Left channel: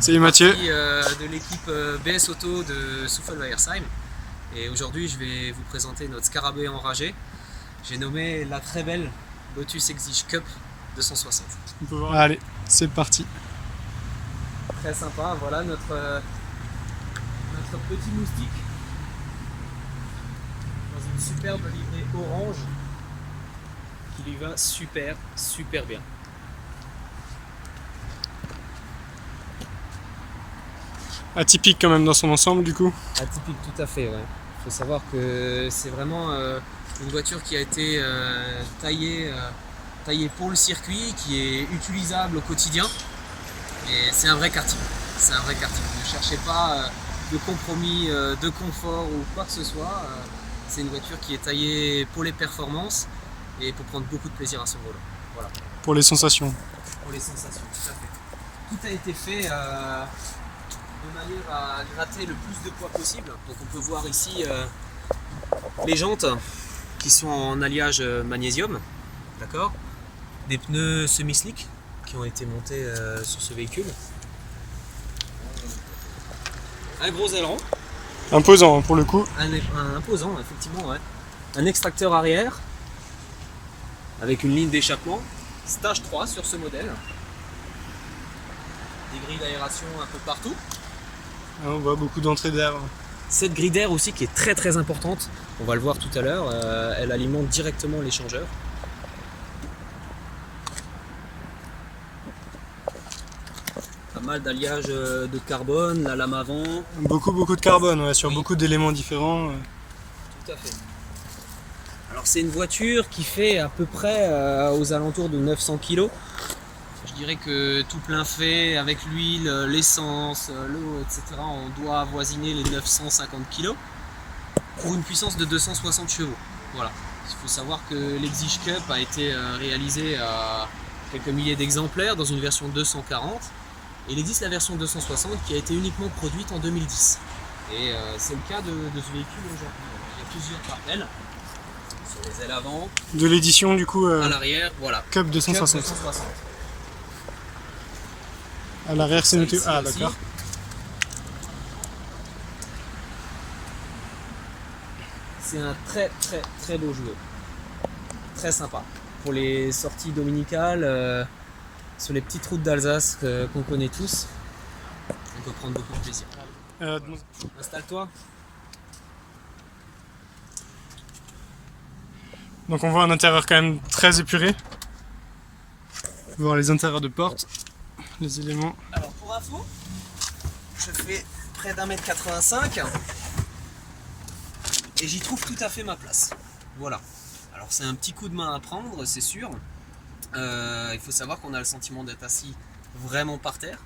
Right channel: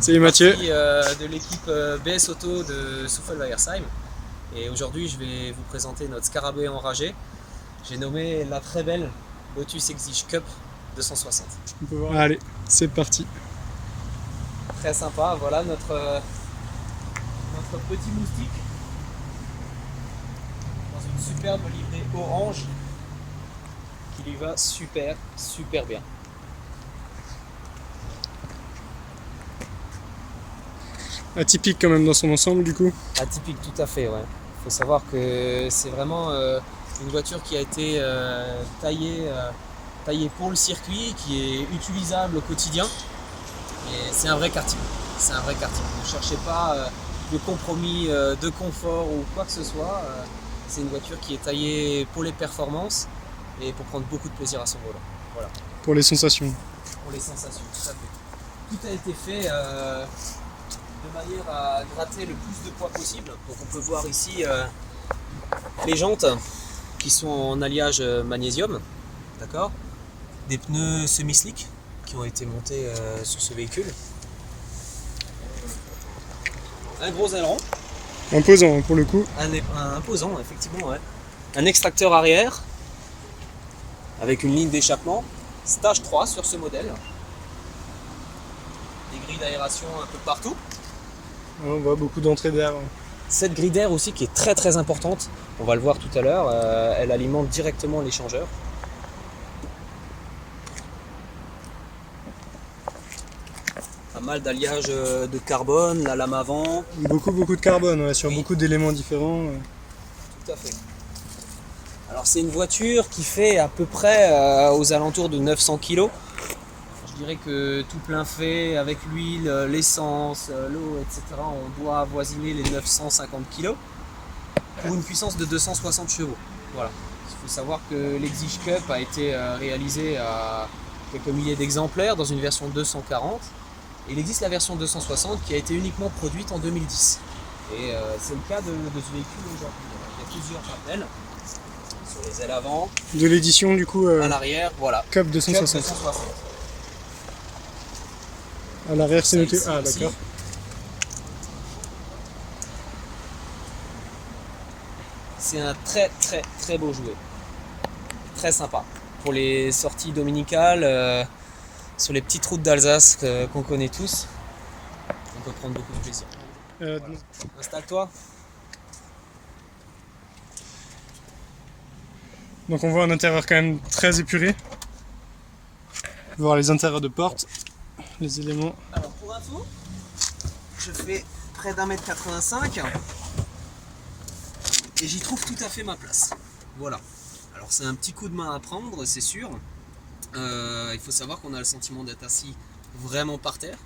Salut Mathieu. De l'équipe BS Auto de Souffel-Weiersheim. Et aujourd'hui, je vais vous présenter notre scarabée enragé. J'ai nommé la très belle Lotus Exige Cup 260. Allez, c'est parti. Très sympa, voilà notre petit moustique dans une superbe livrée orange qui lui va super bien. Atypique quand même dans son ensemble du coup. Atypique, tout à fait, ouais. Il faut savoir que c'est vraiment une voiture qui a été taillée pour le circuit, qui est utilisable au quotidien. Et c'est un vrai karting. C'est un vrai karting. Ne cherchez pas de compromis, de confort ou quoi que ce soit. C'est une voiture qui est taillée pour les performances et pour prendre beaucoup de plaisir à son volant. Voilà. Pour les sensations. Pour les sensations, tout à fait. Tout a été fait de manière à gratter le plus de poids possible. Donc on peut voir ici les jantes qui sont en alliage magnésium, d'accord, des pneus semi-slick qui ont été montés sur ce véhicule, un gros aileron, Imposant pour le coup. un imposant effectivement, ouais. Un extracteur arrière avec une ligne d'échappement stage 3 sur ce modèle, des grilles d'aération un peu partout. On voit beaucoup d'entrées d'air. Cette grille d'air aussi qui est très importante, on va le voir tout à l'heure, elle alimente directement l'échangeur. Pas mal d'alliage de carbone, la lame avant. Beaucoup de carbone, ouais, sur beaucoup d'éléments différents. Tout à fait. Alors c'est une voiture qui fait à peu près aux alentours de 900 kg. Je dirais que tout plein fait, avec l'huile, l'essence, l'eau, etc., on doit avoisiner les 950 kg pour une puissance de 260 chevaux. Voilà. Il faut savoir que l'Exige Cup a été réalisé à quelques milliers d'exemplaires dans une version 240. Et il existe la version 260 qui a été uniquement produite en 2010. Et c'est le cas de ce véhicule aujourd'hui. Voilà. Il y a plusieurs rappels sur les ailes avant. De l'édition du coup. À l'arrière, voilà. Cup 260. Cup 260. À l'arrière c'est noté. Ah Ici. d'accord. C'est un très beau jouet. Très sympa. Pour les sorties dominicales, sur les petites routes d'Alsace qu'on connaît tous, on peut prendre beaucoup de plaisir. Voilà. Installe-toi. Donc on voit un intérieur quand même très épuré. Voir les intérieurs de porte, les éléments. Alors pour info, je fais près d'1m85 et j'y trouve tout à fait ma place. Voilà. Alors c'est un petit coup de main à prendre, c'est sûr. Il faut savoir qu'on a le sentiment d'être assis vraiment par terre.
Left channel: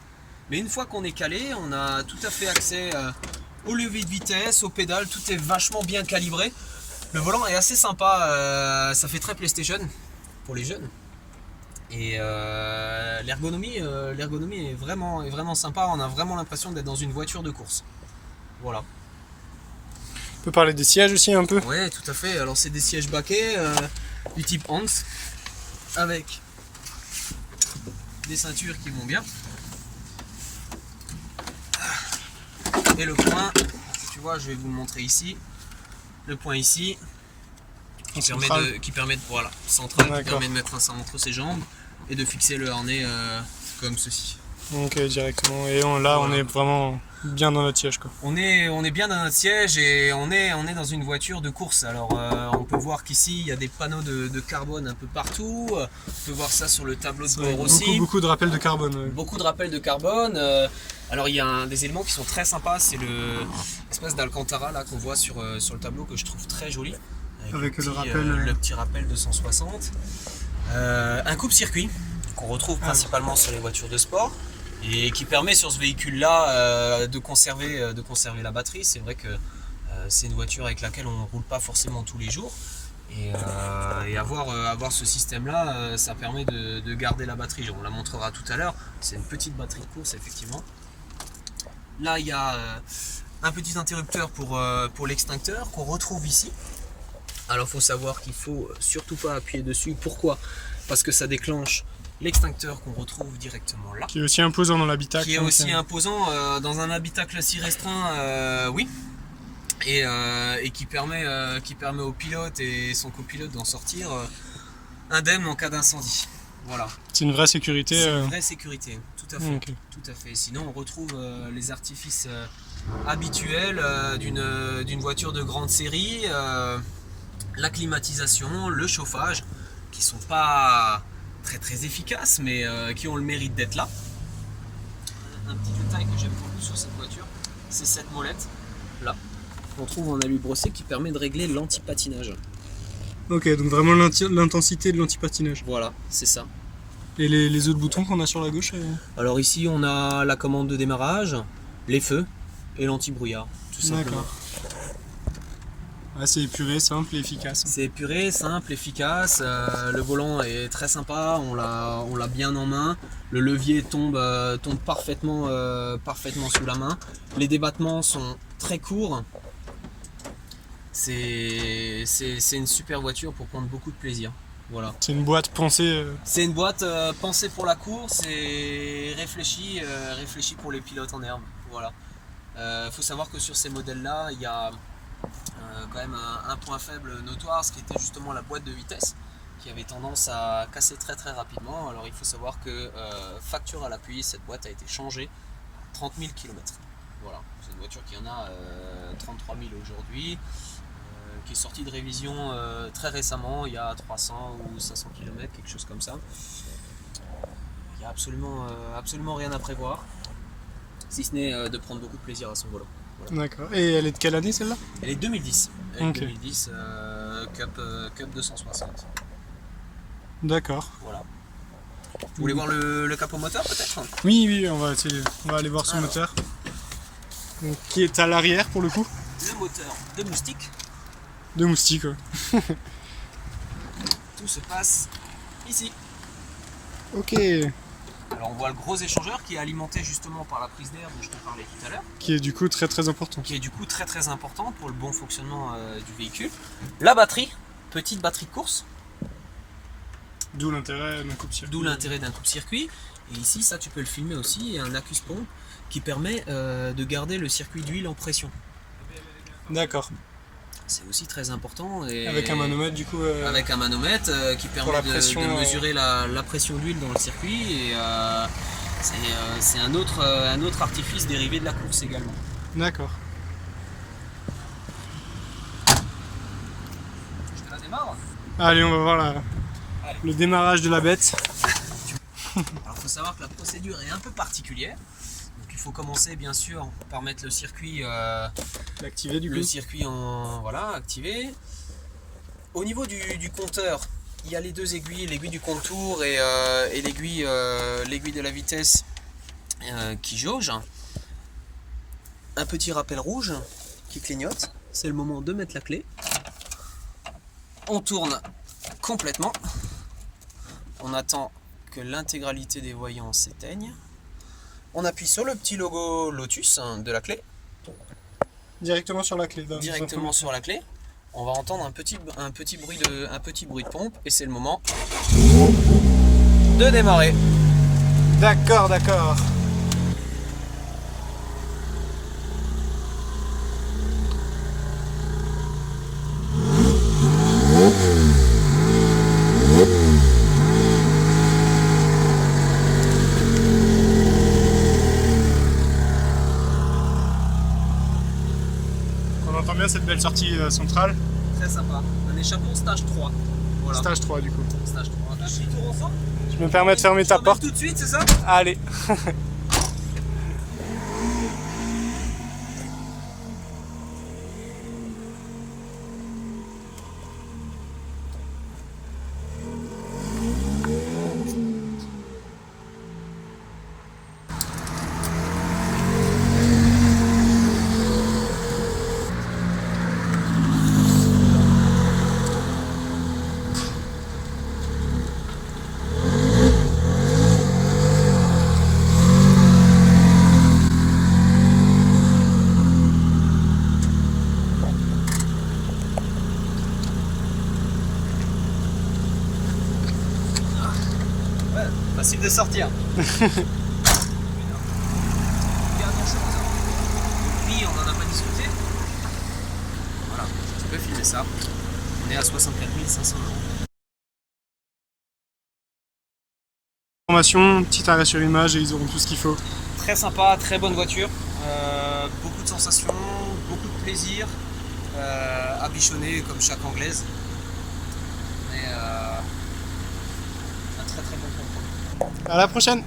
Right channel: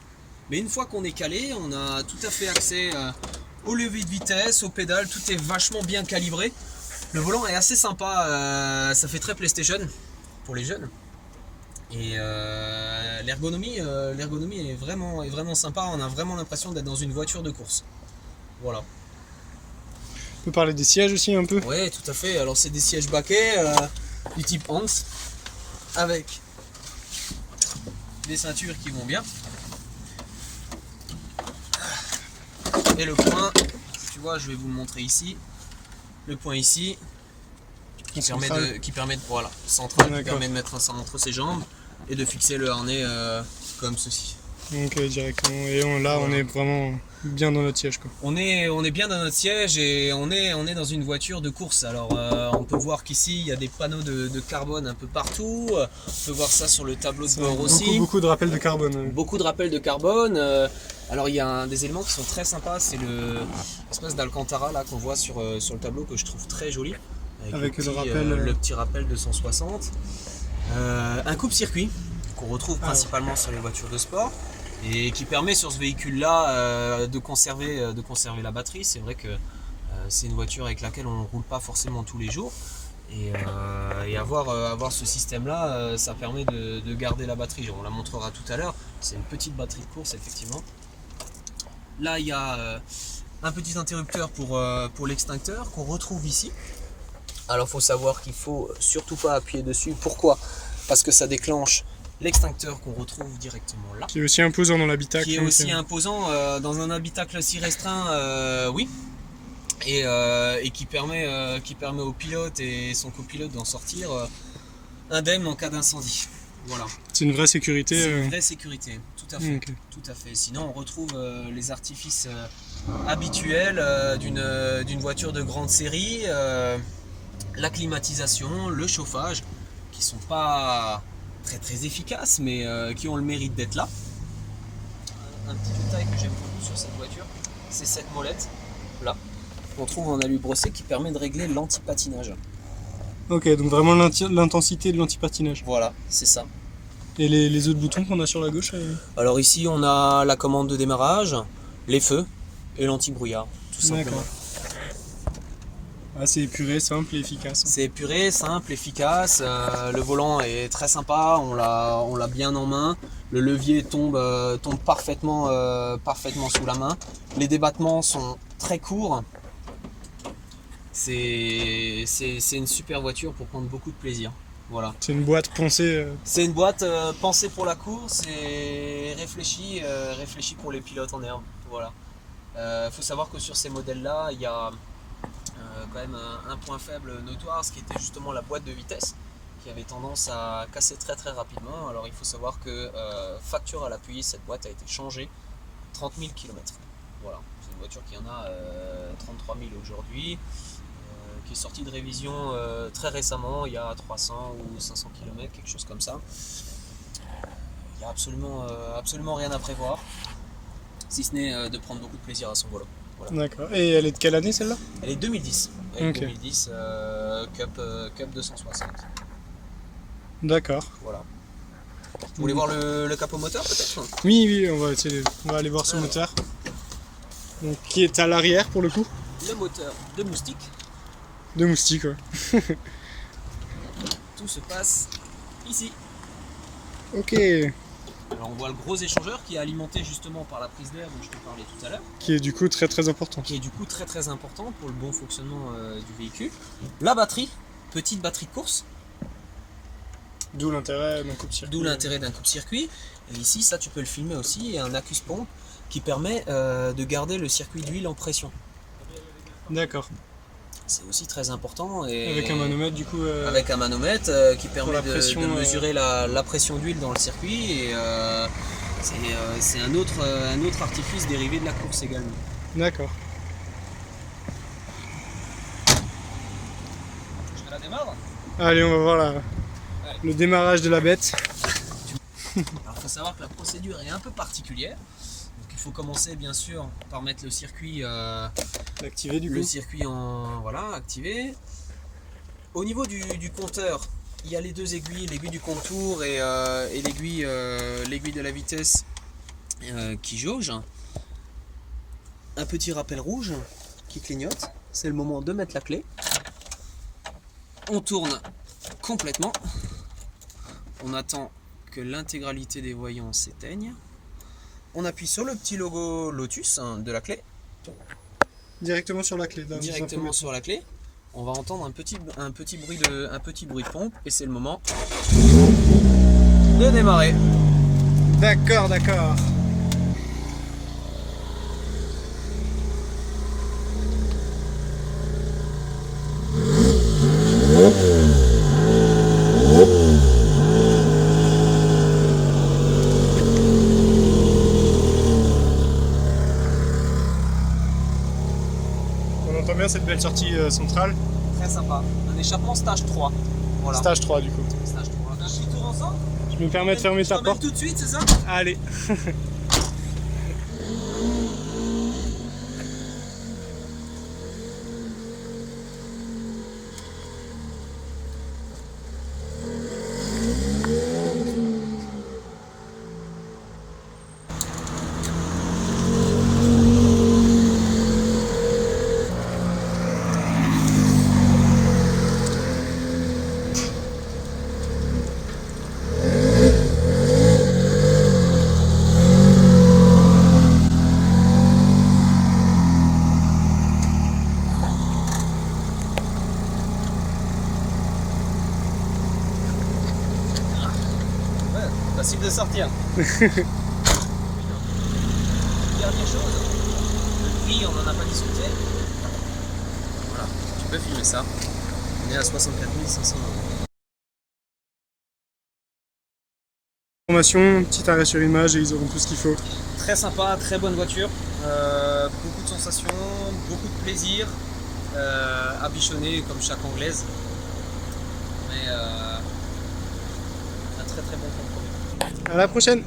Mais une fois qu'on est calé, on a tout à fait accès au levier de vitesse, aux pédales, tout est vachement bien calibré. Le volant est assez sympa, ça fait très PlayStation pour les jeunes. Et l'ergonomie est vraiment sympa, on a vraiment l'impression d'être dans une voiture de course. Voilà. On peut parler des sièges aussi un peu. Ouais, tout à fait. Alors c'est des sièges baquets du type Hans avec des ceintures qui vont bien. Et le point, tu vois, je vais vous le montrer ici. Le point ici qui permet de voilà, central, qui permet de mettre ça entre ses jambes et de fixer le harnais comme ceci. Ok, directement. Et on est vraiment bien dans notre siège quoi. On est bien dans notre siège et on est dans une voiture de course. Alors on peut voir qu'ici il y a des panneaux de carbone un peu partout. On peut voir ça sur le tableau de bord aussi. Beaucoup de rappels de carbone. Ouais. Beaucoup de rappels de carbone. Alors il y a des éléments qui sont très sympas. C'est l'espèce d'Alcantara là qu'on voit sur le tableau que je trouve très joli. Avec le petit rappel de 160. Un coupe-circuit qu'on retrouve principalement sur les voitures de sport et qui permet sur ce véhicule là de conserver la batterie. C'est vrai que c'est une voiture avec laquelle on ne roule pas forcément tous les jours et avoir ce système là ça permet de garder la batterie. On la montrera tout à l'heure, c'est une petite batterie de course effectivement. Là il y a un petit interrupteur pour l'extincteur qu'on retrouve ici. Alors il faut savoir qu'il ne faut surtout pas appuyer dessus. Pourquoi ? Parce que ça déclenche l'extincteur qu'on retrouve directement là. Qui est aussi imposant dans l'habitacle. Qui est aussi imposant dans un habitacle si restreint, oui. Et qui permet au pilote et son copilote d'en sortir indemne en cas d'incendie. Voilà. C'est une vraie sécurité. C'est une vraie sécurité, tout à fait. Okay. Tout à fait. Sinon, on retrouve les artifices habituels d'une voiture de grande série, la climatisation, le chauffage, qui sont pas très efficaces, mais qui ont le mérite d'être là. Un petit détail que j'aime beaucoup sur cette voiture, c'est cette molette là qu'on trouve en alu brossé qui permet de régler l'anti-patinage. Ok, donc vraiment l'intensité de l'anti-patinage. Voilà, c'est ça. Et les autres boutons qu'on a sur la gauche Alors ici on a la commande de démarrage, les feux et l'anti-brouillard, tout simplement. D'accord. Ah, c'est épuré, simple et efficace. C'est épuré, simple, efficace. Le volant est très sympa, on l'a bien en main. Le levier tombe parfaitement sous la main. Les débattements sont très courts. C'est une super voiture pour prendre beaucoup de plaisir. Voilà. C'est une boîte pensée. C'est une boîte pensée pour la course et réfléchie pour les pilotes en herbe. Voilà. Faut savoir que sur ces modèles-là, il y a quand même un point faible notoire, ce qui était justement la boîte de vitesse, qui avait tendance à casser très rapidement. Alors il faut savoir que facture à l'appui, cette boîte a été changée 30 000 km. Voilà. C'est une voiture qui en a 33 000 aujourd'hui. Qui est sorti de révision très récemment, il y a 300 ou 500 km, quelque chose comme ça. Il n'y a absolument rien à prévoir, si ce n'est de prendre beaucoup de plaisir à son volant. Voilà. D'accord. Et elle est de quelle année celle-là? Elle est 2010. Elle est 2010, Cup 260. D'accord. Voilà. Vous voulez voir le capot moteur peut-être? Oui, on va aller voir son moteur. Donc, qui est à l'arrière pour le coup? Le moteur de moustique. De moustique, ouais. Tout se passe ici. Ok. Alors on voit le gros échangeur qui est alimenté justement par la prise d'air dont je te parlais tout à l'heure. Qui est du coup très important. Qui est du coup très important pour le bon fonctionnement du véhicule. La batterie, petite batterie de course. D'où l'intérêt d'un coupe-circuit. D'où l'intérêt d'un coupe-circuit. Et ici, ça tu peux le filmer aussi, il y a un accus-pompe qui permet de garder le circuit d'huile en pression. D'accord. C'est aussi très important. Et avec un manomètre du coup. Avec un manomètre qui permet de mesurer la pression d'huile dans le circuit. Et c'est un autre artifice dérivé de la course également. D'accord. Je la démarre. Allez, on va voir le démarrage de la bête. Alors il faut savoir que la procédure est un peu particulière. Donc il faut commencer bien sûr par mettre le circuit activé du coup. Le circuit activé. Au niveau du compteur, il y a les deux aiguilles, l'aiguille du contour et l'aiguille de la vitesse qui jauge. Un petit rappel rouge qui clignote. C'est le moment de mettre la clé. On tourne complètement. On attend que l'intégralité des voyants s'éteignent. On appuie sur le petit logo Lotus de la clé. Directement sur la clé. Directement sur la clé. On va entendre un petit bruit de pompe et c'est le moment de démarrer. D'accord. On entend bien cette belle sortie centrale. Très sympa. Un échappement stage 3. Voilà. Stage 3 du coup. Stage 3. Un petit tour ensemble. Je me permets de fermer ta porte. Tout de suite, c'est ça? Allez. sortir. Putain. Dernière chose, le prix on n'en a pas discuté. Voilà, tu peux filmer ça. On est à 64 500 €. Information, petit arrêt sur image et ils auront tout ce qu'il faut. Très sympa, très bonne voiture, beaucoup de sensations, beaucoup de plaisir, à bichonner comme chaque anglaise, mais un très très bon compromis. À la prochaine!